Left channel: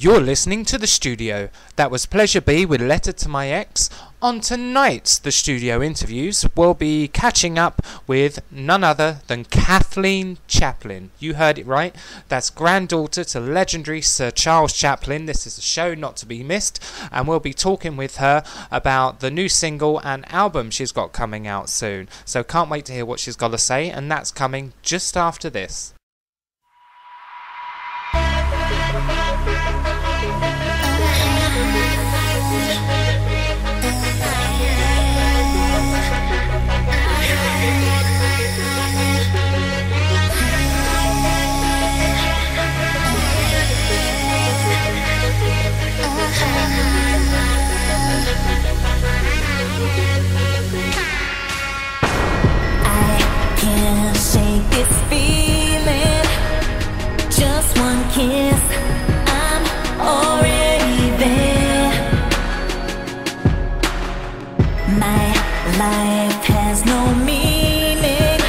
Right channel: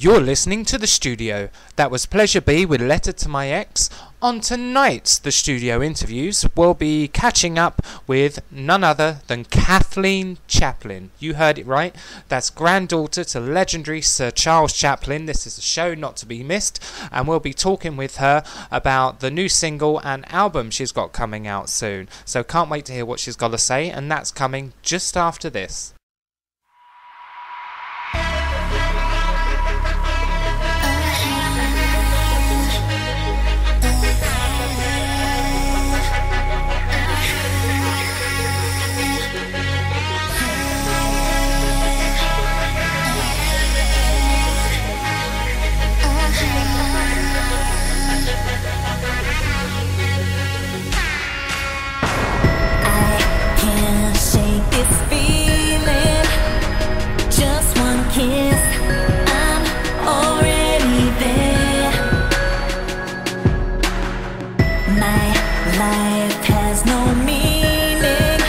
You're listening to The Studio. That was Pleasure B with Letter to My Ex. On tonight's The Studio interviews, we'll be catching up with none other than Kathleen Chaplin. You heard it right. That's granddaughter to legendary Sir Charles Chaplin. This is a show not to be missed, and we'll be talking with her about the new single and album she's got coming out soon. So can't wait to hear what she's got to say, and that's coming just after this. Can't shake this feeling. Just one kiss, I'm already there. My life has no meaning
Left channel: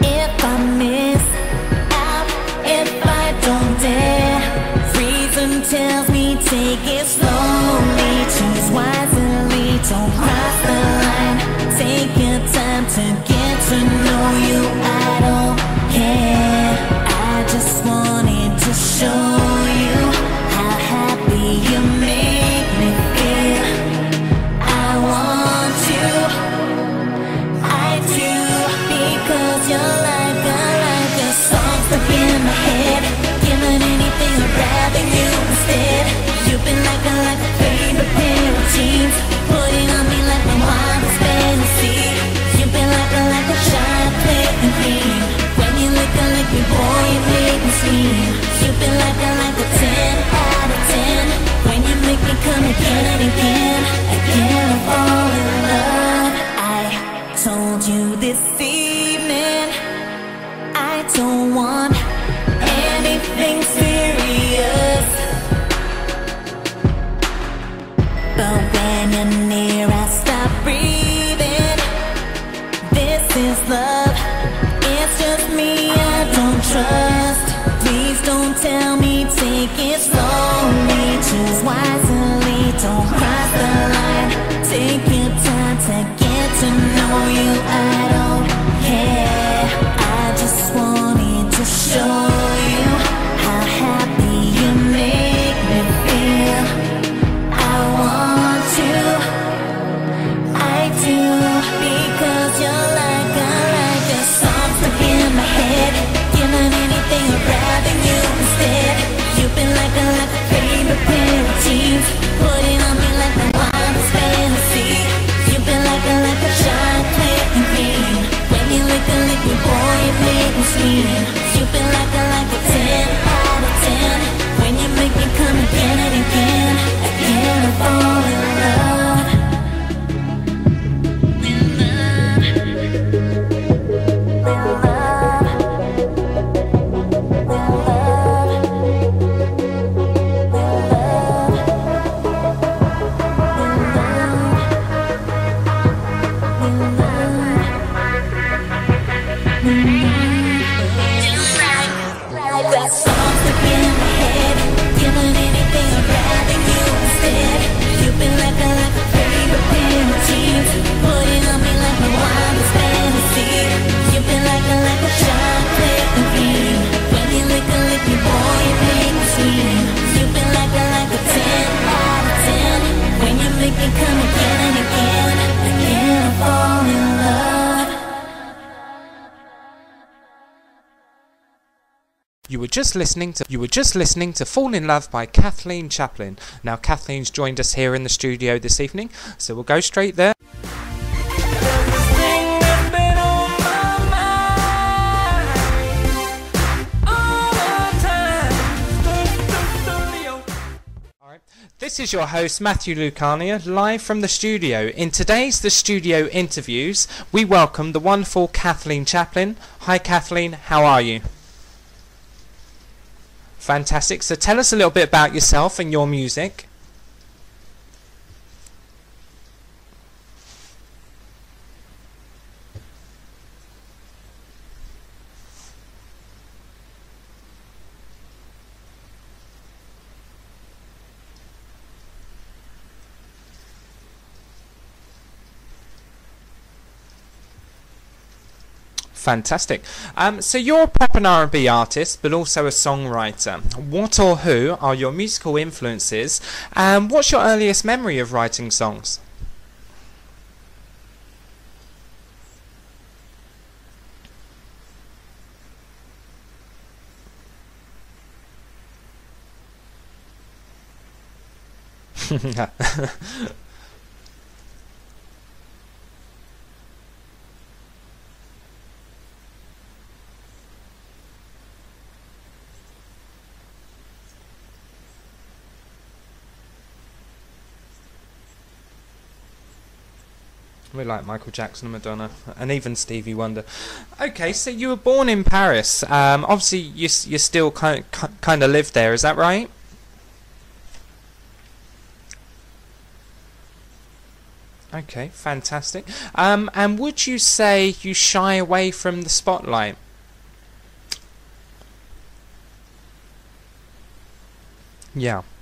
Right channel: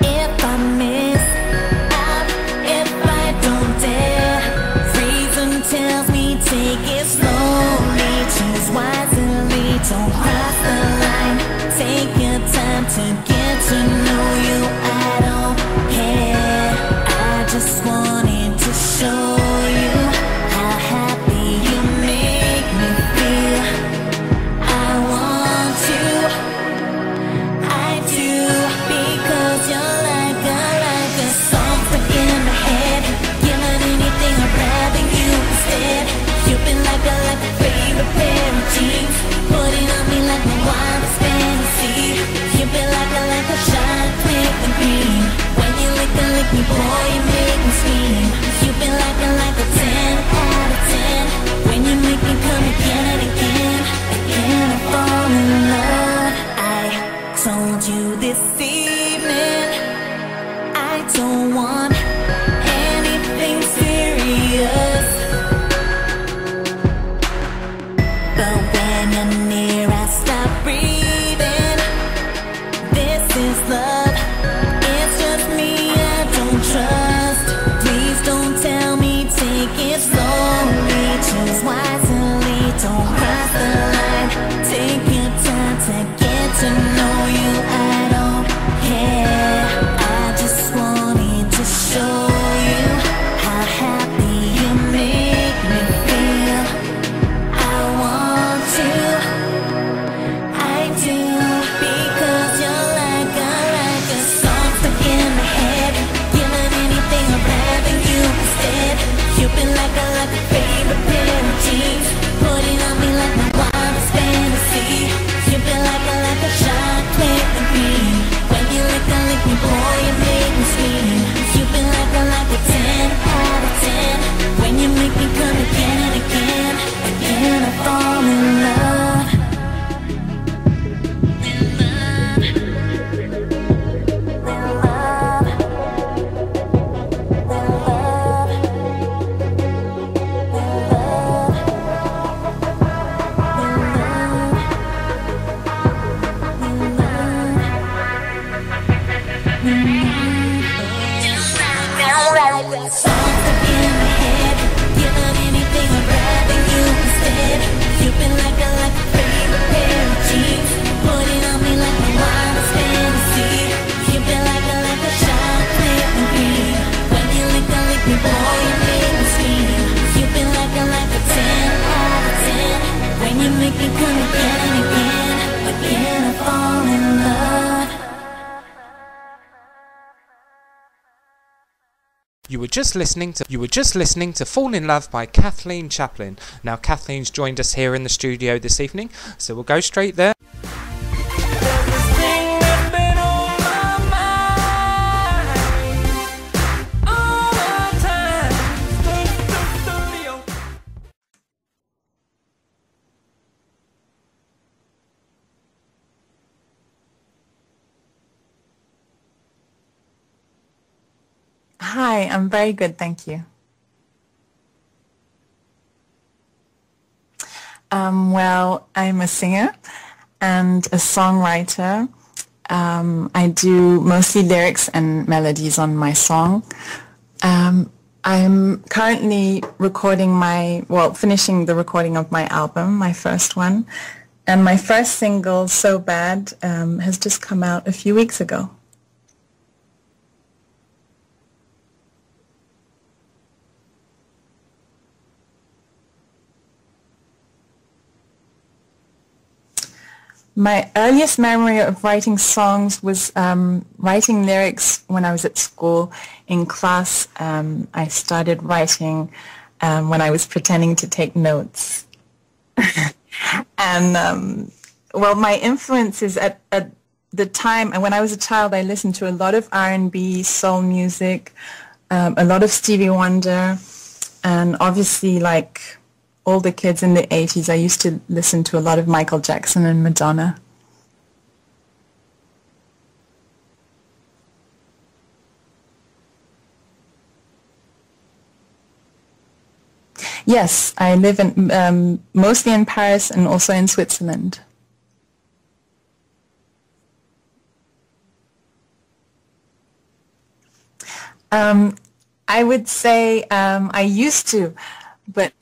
if I miss out, if I don't dare. Reason tells me take it slowly, choose wisely, don't cross the line. Take your time to get to know you, I don't care. I just wanted to show you how happy you make me feel. I want you, I do, because you're like a song stuck in my head. Given anything I'd rather you instead. You've been like a favorite pair of jeans, putting on me like my wildest fantasy. You've been like a chocolate and cream. When you lick me, boy, you make me scream. You've been like a 10 out of 10. When you make me come again and again, again I fall in love. I told you this evening I don't want anything serious, but when you're near I stop breathing. This is love, it's just me I don't trust. Please don't tell me, take it slowly, choose wisely, don't cross the line. Take your time to get to know you, I don't care. I just wanted to show you how happy you make me feel. I want to, I do, because you're like a song stuck in my head. Given anything I'd rather you instead. You've been like a favorite pair of jeans, putting on me like my wildest fantasy. You've been like a chocolate and cream. When you lick me, boy, you make me scream. You've been like a 10 out of 10. When you make me come again and again, again I fall in love. Make me come again and again, again I fall in love. You were just listening to Fall in Love by Kathleen Chaplin. Now Kathleen's joined us here in the studio this evening, so we'll go straight there. This is your host, Matthew Lucania, live from the studio. In today's The Studio interviews, we welcome the wonderful Kathleen Chaplin. Hi Kathleen, how are you? Hi, I'm very good, thank you. Fantastic. So tell us a little bit about yourself and your music. Well, I'm a singer and a songwriter. I do mostly lyrics and melodies on my song. I'm currently finishing the recording of my album, my first one. And my first single, So Bad, has just come out a few weeks ago. Fantastic. So you're a pop and R&B artist, but also a songwriter. What or who are your musical influences, and what's your earliest memory of writing songs? My earliest memory of writing songs was writing lyrics when I was at school. In class, I started writing when I was pretending to take notes. And, my influences at the time, and when I was a child, I listened to a lot of R&B, soul music, a lot of Stevie Wonder, and obviously, like all the kids in the 80s, I used to listen to a lot of Michael Jackson and Madonna. We like Michael Jackson and Madonna, and even Stevie Wonder. Okay, so you were born in Paris. Obviously, you still kind of live there, is that right? Yes, I live in mostly in Paris and also in Switzerland. Okay, fantastic. And would you say you shy away from the spotlight? I would say I used to. Yeah. But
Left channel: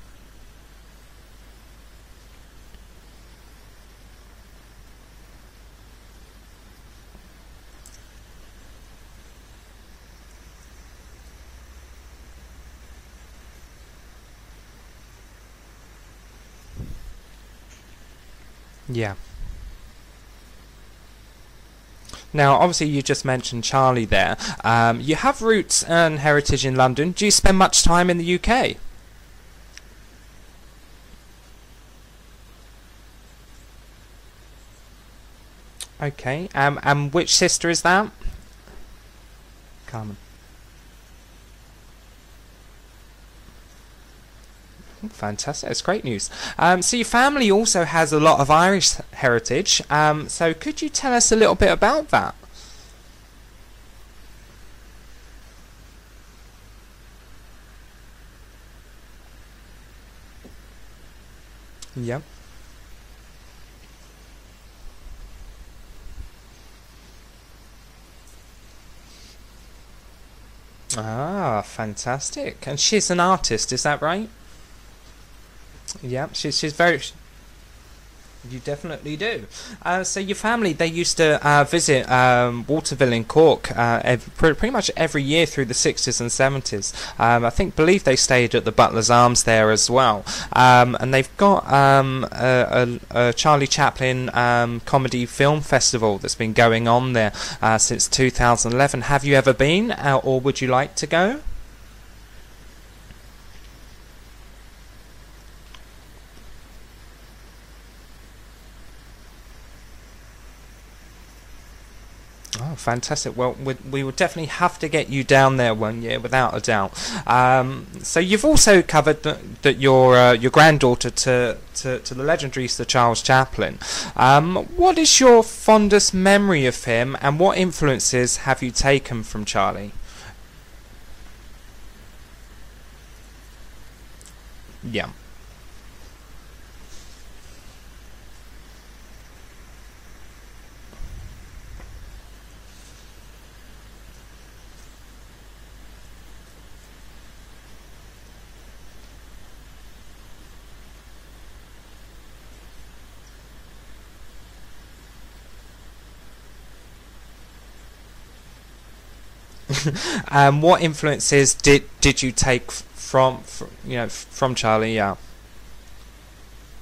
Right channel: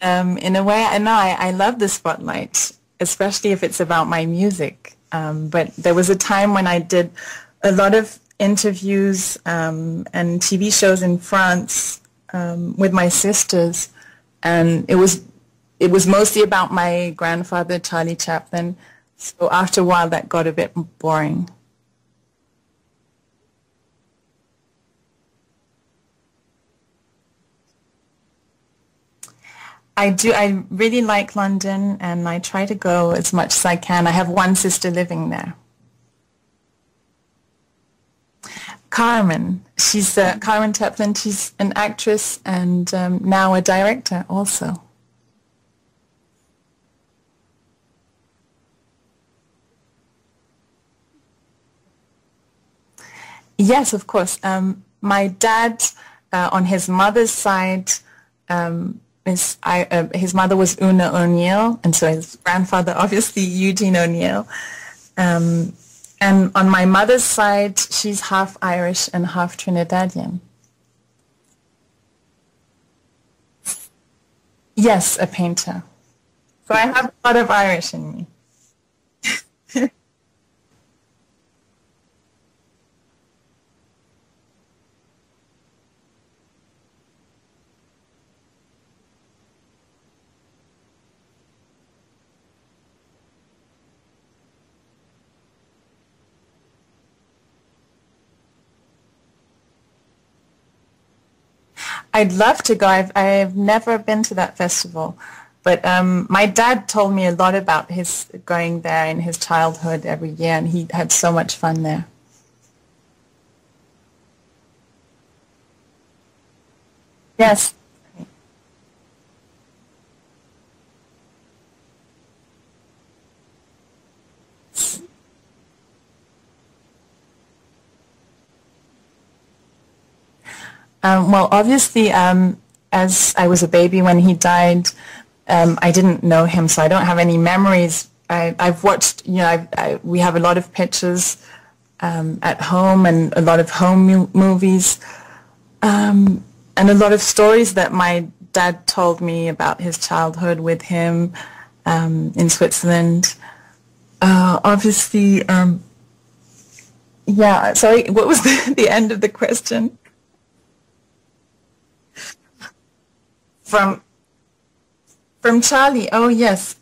in a way, I love the spotlight, especially if it's about my music. But there was a time when I did a lot of interviews and TV shows in France with my sisters, and it was mostly about my grandfather, Charlie Chaplin. Yeah. So after a while, that got a bit boring. Now, obviously, you just mentioned Charlie there. You have roots and heritage in London. Do you spend much time in the UK? I do. I really like London, and I try to go as much as I can. I have one sister living there. Okay. And which sister is that? Carmen. She's Carmen Chaplin. She's an actress and now a director also. Fantastic. That's great news. So your family also has a lot of Irish heritage. So could you tell us a little bit about that? Yes, of course. My dad, on his mother's side, his mother was Una O'Neill, and so his grandfather, obviously, Eugene O'Neill. And on my mother's side, she's half Irish and half Trinidadian. Ah, fantastic. And she's an artist, is that right? Yes, a painter. Yeah, she's so very... I have a lot of Irish in me. You definitely do. So your family, they used to visit Waterville in Cork pretty much every year through the 60s and 70s. I believe they stayed at the Butler's Arms there as well. And they've got a Charlie Chaplin comedy film festival that's been going on there since 2011. Have you ever been, or would you like to go? I'd love to go. I've never been to that festival. But my dad told me a lot about his going there in his childhood every year, and he had so much fun there. Oh, fantastic. Well, we would definitely have to get you down there one year, without a doubt. Yes. So you've also covered that your granddaughter to the legendary Sir Charles Chaplin. What is your fondest memory of him, and what influences have you taken from Charlie? Well, obviously, as I was a baby when he died, I didn't know him, so I don't have any memories. I've watched, we have a lot of pictures at home and a lot of home movies and a lot of stories that my dad told me about his childhood with him in Switzerland. Obviously, sorry, what was the end of the question? What influences did you take from Charlie? Yeah. From Charlie, oh yes.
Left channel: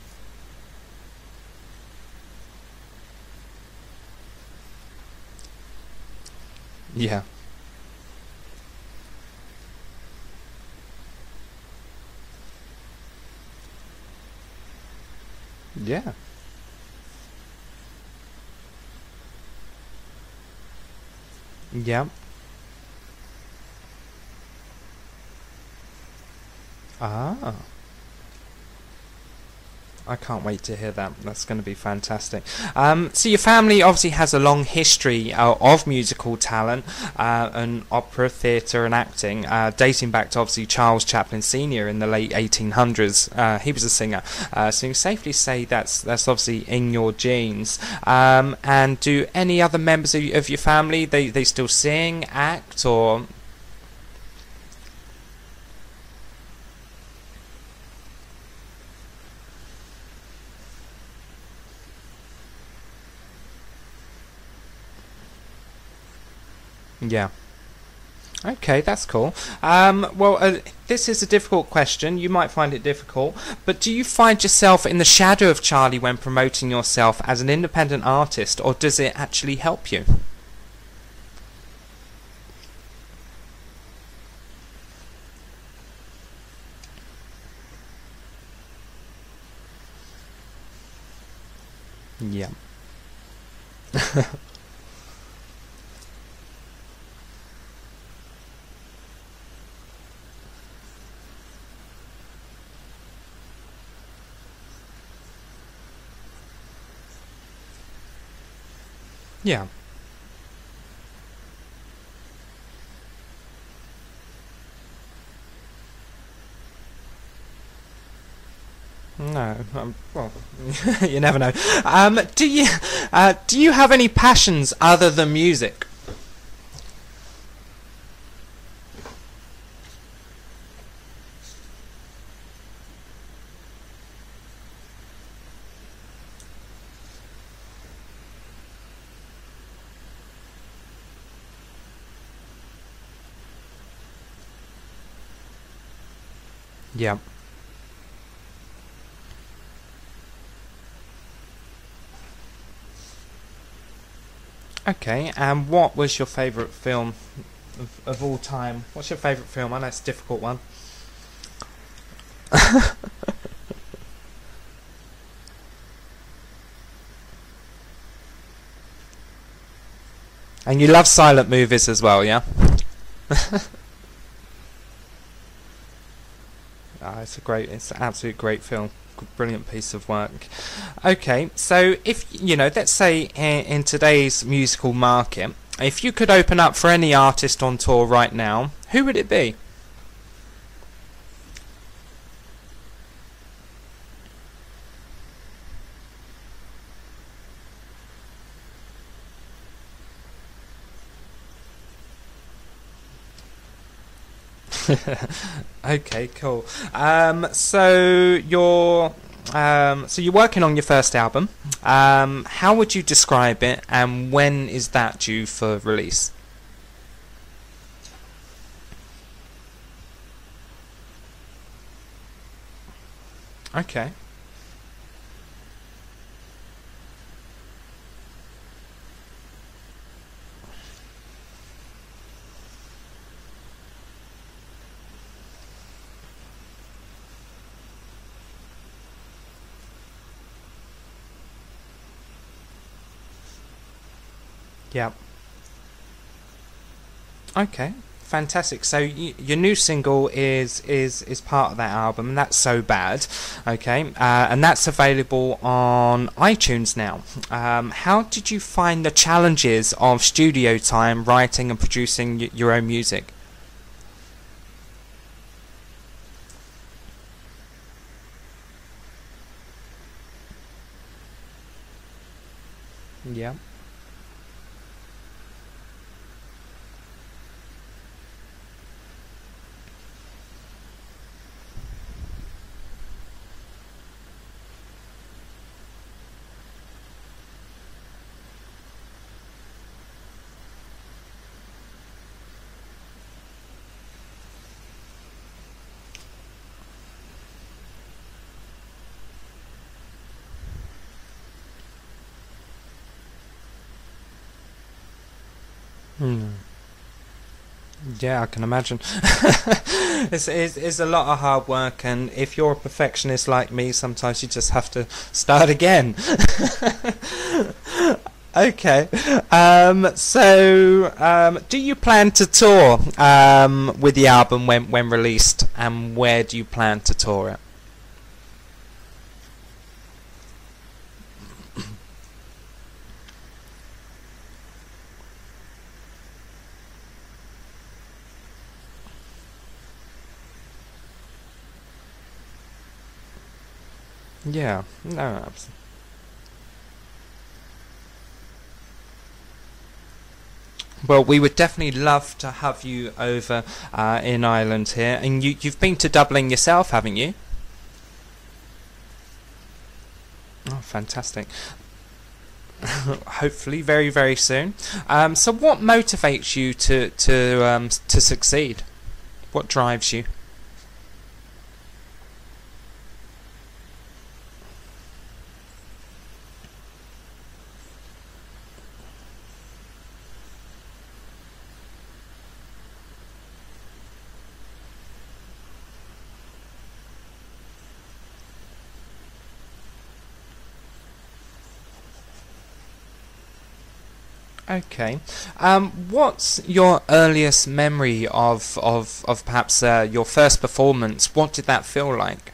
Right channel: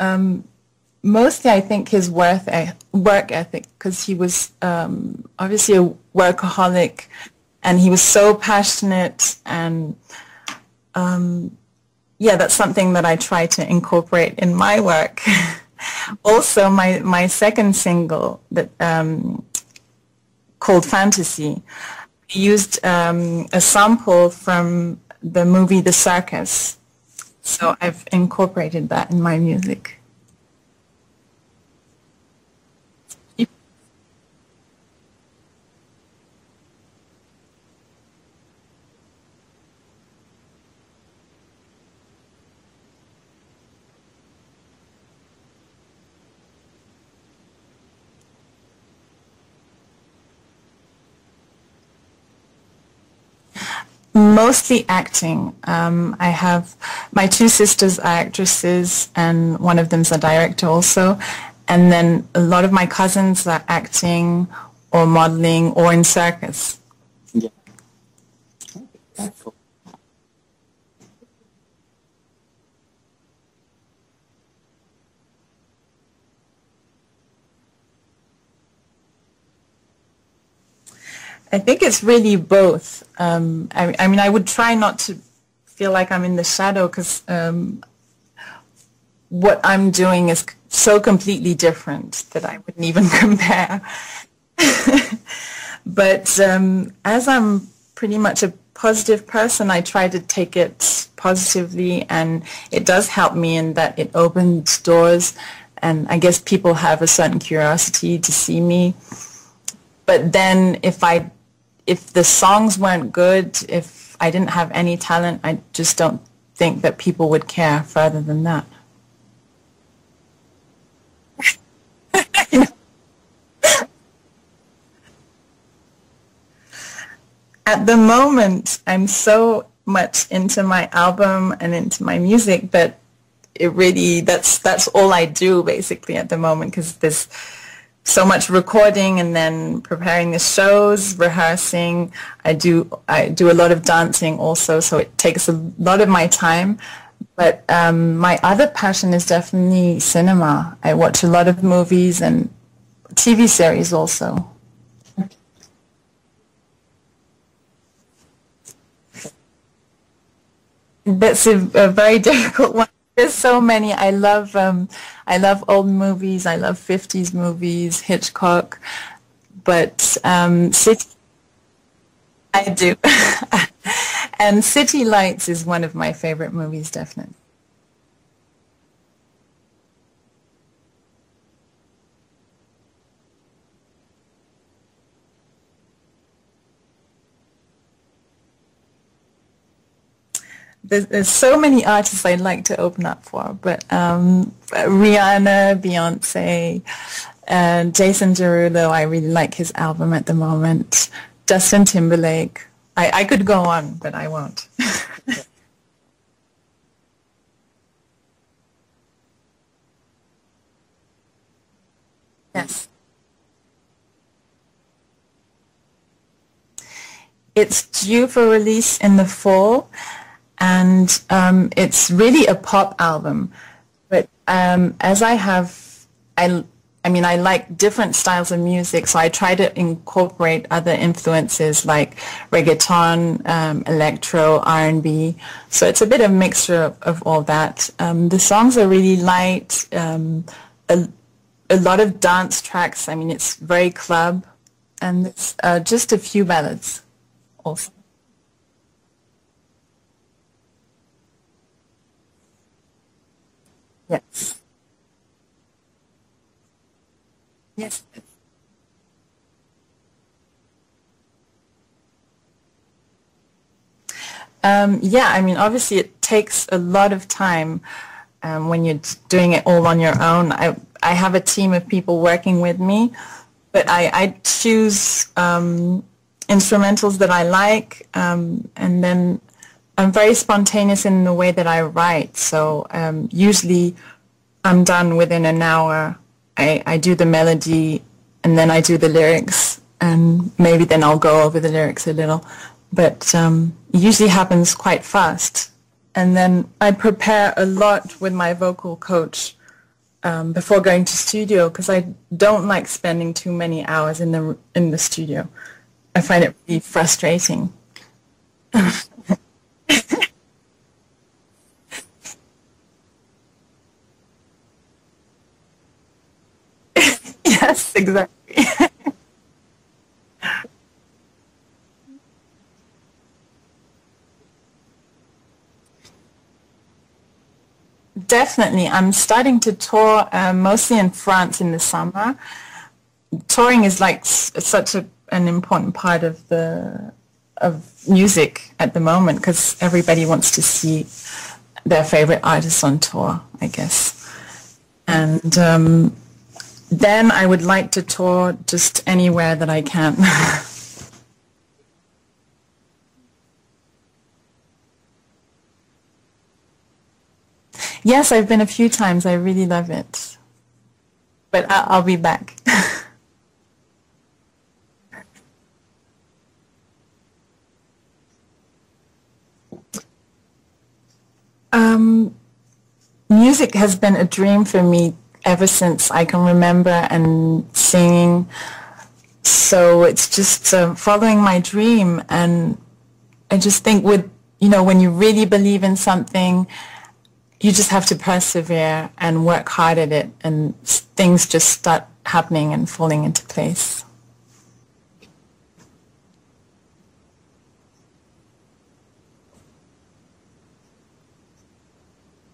Mostly, I think his work ethic, because he was obviously a workaholic. Yeah. And he was so passionate, and that's something that I try to incorporate in my work. Yeah. Also, my second single that called Fantasy used a sample from the movie The Circus. So I've incorporated that in my music. I can't wait to hear that. That's going to be fantastic. So your family obviously has a long history of musical talent and opera, theatre and acting, dating back to obviously Charles Chaplin Sr. in the late 1800s. He was a singer. So you can safely say that's obviously in your genes. And do any other members of your family, they still sing, act, or...? Mostly acting. I have my two sisters are actresses, and one of them's a director also. And then a lot of my cousins are acting or modeling or in circus. Yeah. Okay, that's cool. This is a difficult question. You might find it difficult, but do you find yourself in the shadow of Charlie when promoting yourself as an independent artist, or does it actually help you? I think it's really both. I mean, I would try not to feel like I'm in the shadow, because what I'm doing is so completely different that I wouldn't even compare. But as I'm pretty much a positive person, I try to take it positively, and it does help me in that it opens doors, and I guess people have a certain curiosity to see me. Yeah. But then if the songs weren't good, if I didn't have any talent, I just don't think that people would care further than that. No, well, you never know. Do you have any passions other than music? At the moment, I'm so much into my album and into my music that it really, that's all I do basically at the moment, because there's so much recording and then preparing the shows, rehearsing. I do a lot of dancing also, so it takes a lot of my time. Yeah. But my other passion is definitely cinema. I watch a lot of movies and TV series also. Okay, and what was your favourite film of all time? What's your favourite film? I know it's a difficult one. That's a very difficult one. There's so many. I love old movies. I love 50s movies, Hitchcock. But and you love silent movies as well, yeah? I do. And City Lights is one of my favorite movies, definitely. It's an absolute great film. Brilliant piece of work. Okay, so if let's say in today's musical market, if you could open up for any artist on tour right now, who would it be? There's so many artists I'd like to open up for, but Rihanna, Beyonce, Jason Derulo, I really like his album at the moment. Justin Timberlake. I could go on, but I won't. Okay, cool. So you're working on your first album. Yes. How would you describe it, and when is that due for release? It's due for release in the fall, and it's really a pop album. Okay. But as I like different styles of music, so I try to incorporate other influences like reggaeton, electro, R&B. So it's a bit of a mixture of all that. The songs are really light, a lot of dance tracks. I mean, it's very club, and it's just a few ballads. Okay. Also. Fantastic. So your new single is part of that album, and that's So Bad. Okay. Yes. And that's available on iTunes now. Yes. How did you find the challenges of studio time, writing and producing your own music? I mean, obviously it takes a lot of time when you're doing it all on your own. I have a team of people working with me, but I choose instrumentals that I like, and then I'm very spontaneous in the way that I write, so usually I'm done within an hour. I do the melody, and then I do the lyrics, and maybe then I'll go over the lyrics a little, but it usually happens quite fast. And then I prepare a lot with my vocal coach before going to studio, because I don't like spending too many hours in the studio. I find it really frustrating. Yeah, I can imagine. It's a lot of hard work, and if you're a perfectionist like me, sometimes you just have to start again. Yes, exactly. Okay. Do you plan to tour with the album when released, and where do you plan to tour it? Definitely. I'm starting to tour mostly in France in the summer. Touring is like such an important part of music at the moment, because everybody wants to see their favorite artists on tour, I guess. Yeah. And then I would like to tour just anywhere that I can. Well, we would definitely love to have you over in Ireland here. And you've been to Dublin yourself, haven't you? Yes, I've been a few times. I really love it. Oh, fantastic. But I'll be back. Hopefully very, very soon. So what motivates you to succeed? What drives you? Music has been a dream for me ever since I can remember, and singing. So it's just following my dream. And I just think when you really believe in something, you just have to persevere and work hard at it, and things just start happening and falling into place. Okay. What's your earliest memory of perhaps your first performance? What did that feel like?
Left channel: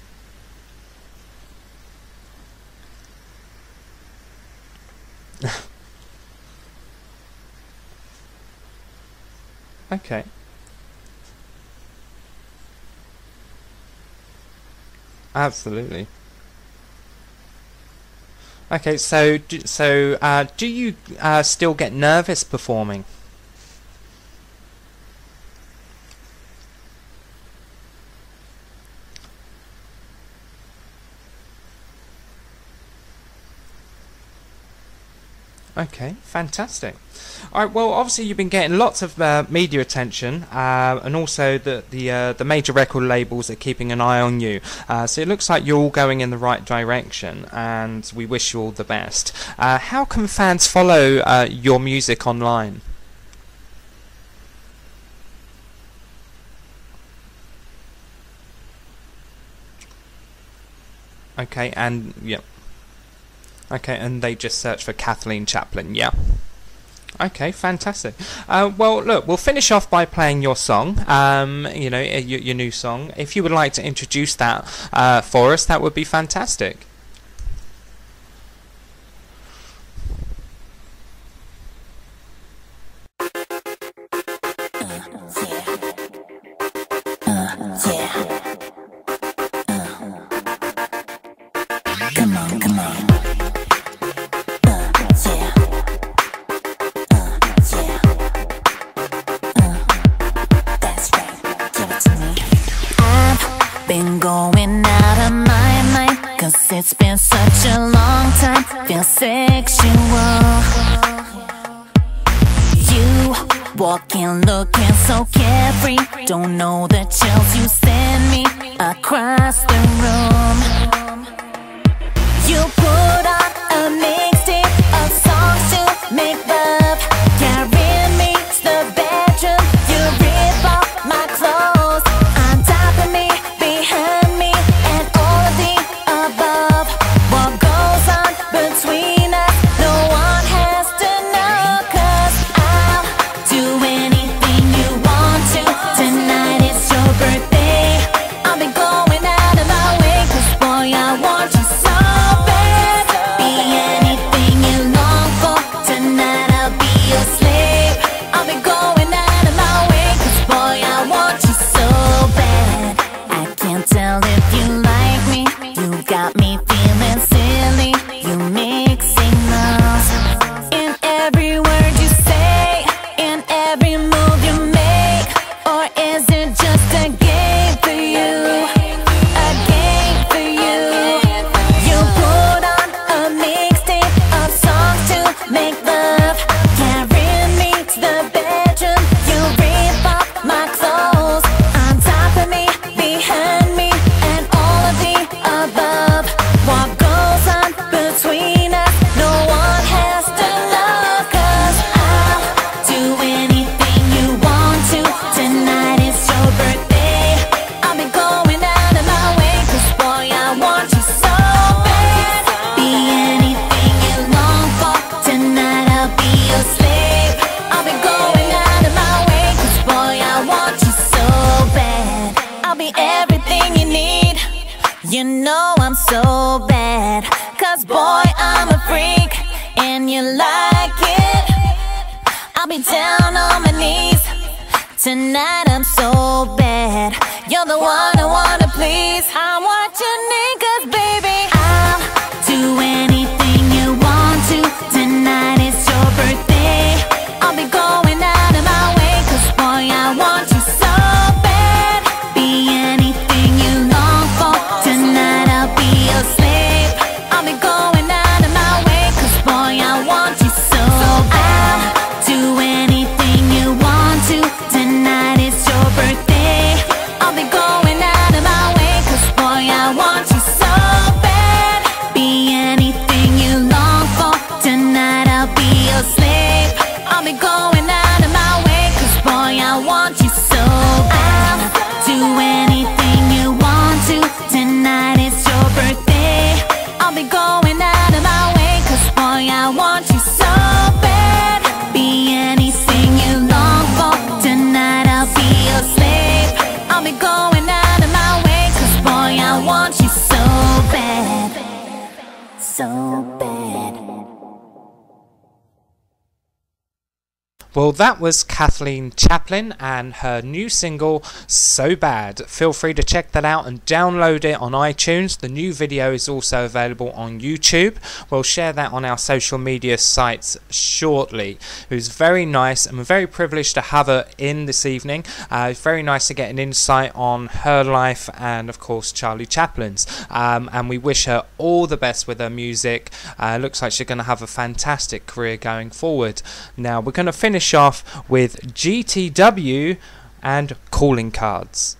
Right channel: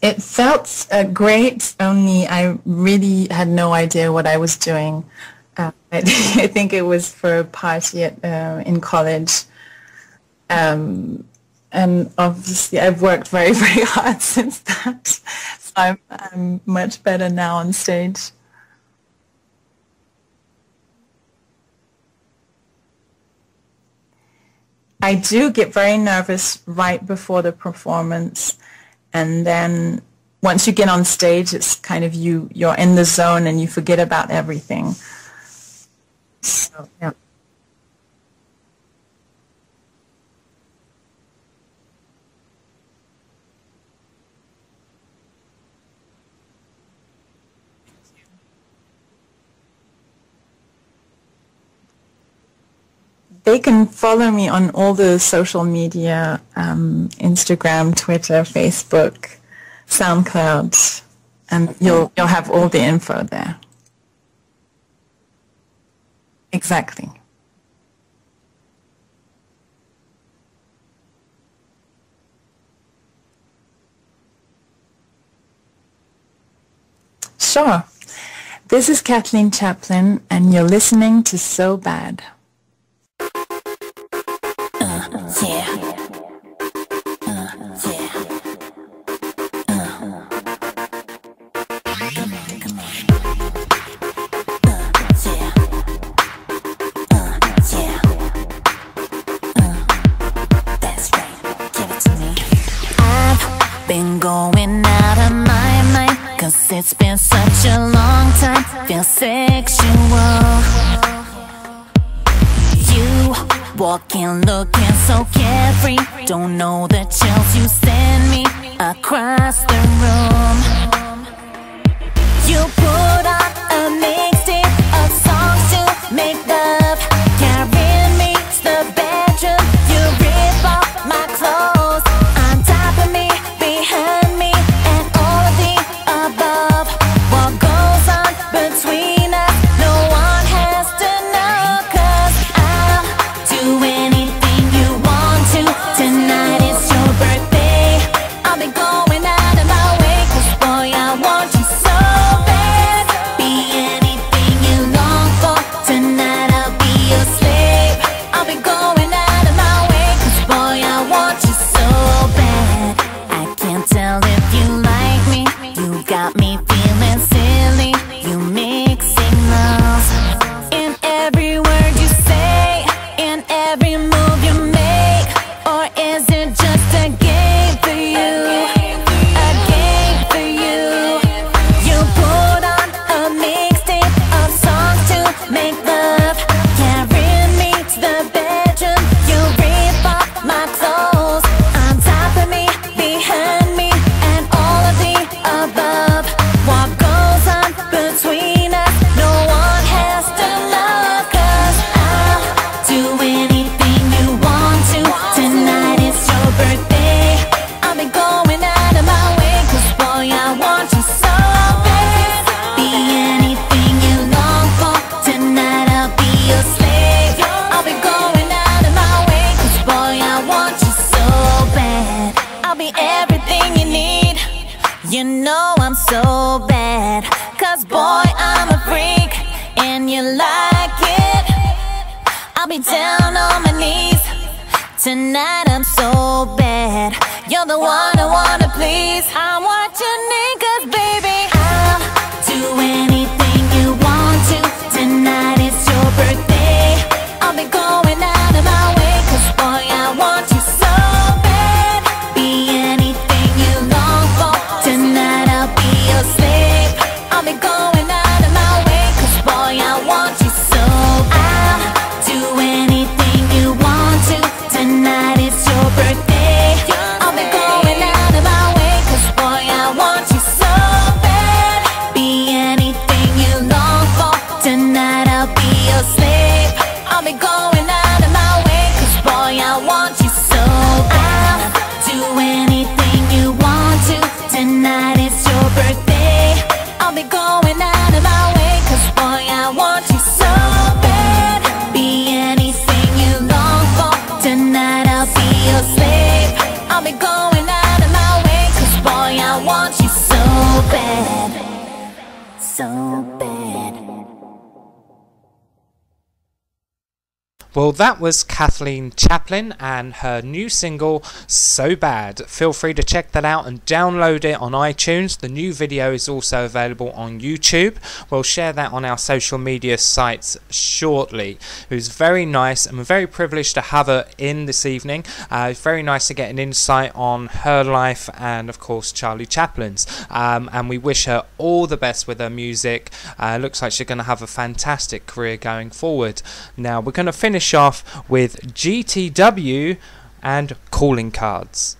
It felt great, only I really had no idea what I was doing. I think it was for a party in college. Okay. And obviously I've worked very, very hard since that. Absolutely. So I'm much better now on stage. Okay, so do you still get nervous performing? I do get very nervous right before the performance, and then once you get on stage, it's kind of you're in the zone and you forget about everything. Okay, fantastic. So, yeah. All right. Well, obviously you've been getting lots of media attention, and also the major record labels are keeping an eye on you. So it looks like you're all going in the right direction, and we wish you all the best. How can fans follow your music online? They can follow me on all the social media: Instagram, Twitter, Facebook, SoundCloud. Okay, and you'll have all the info there. Okay, and they just search for Kathleen Chaplin, yeah? Exactly. Okay, fantastic. Well, look, we'll finish off by playing your song, your new song. If you would like to introduce that for us, that would be fantastic. Sure. This is Kathleen Chaplin, and you're listening to So Bad. Been going out of my mind, 'cause it's been such a long time. Feel sexual. You walking, looking so carefree. Don't know the chills you send me across the room. You put on a mixtape of songs to make love. Carry me to the bedroom. You rip off my clothes. On top of me, behind me, and all of the above. What goes on between us, no one has to know. 'Cause I'll do anything you want to. Tonight is your birthday. I'll be going out of my way, 'cause boy, I want you so bad. Be anything you long for. Tonight I'll be your slave. I'll be going out of my way, 'cause boy, I want you so bad. I can't tell if you like me. You got me feeling silly. You mix signals in every word you say, in every move you make. Or is it just a game for you? A game for you. You put on a mixtape of songs to make love. Carry me to the bedroom. You rip off my clothes. On top of me, behind me, and all of the above. What goes on between us, no one has to know. 'Cause I'll do anything you want to. Tonight is your birthday. I'll be going out of my way, 'cause boy, I want you so bad. Be anything you long for. Tonight I'll be your slave. I'll be going out of my way, 'cause boy, I want you so bad. I'll be everything you need. You know I'm so bad, 'cause boy, I'm a freak, and you like it. I'll be down on my knees. Tonight I'm so bad. You're the one I wanna please. I want you need, 'cause baby, I'll do anything you want to. Tonight is your birthday. bad, so bad. Well, that was Kathleen Chaplin and her new single, So Bad. Feel free to check that out and download it on iTunes. The new video is also available on YouTube. We'll share that on our social media sites shortly. It was very nice, and we're very privileged to have her in this evening. It's very nice to get an insight on her life and, of course, Charlie Chaplin's. And we wish her all the best with her music. Looks like she's going to have a fantastic career going forward. Now, we're going to finish off with GTW and Calling Cards.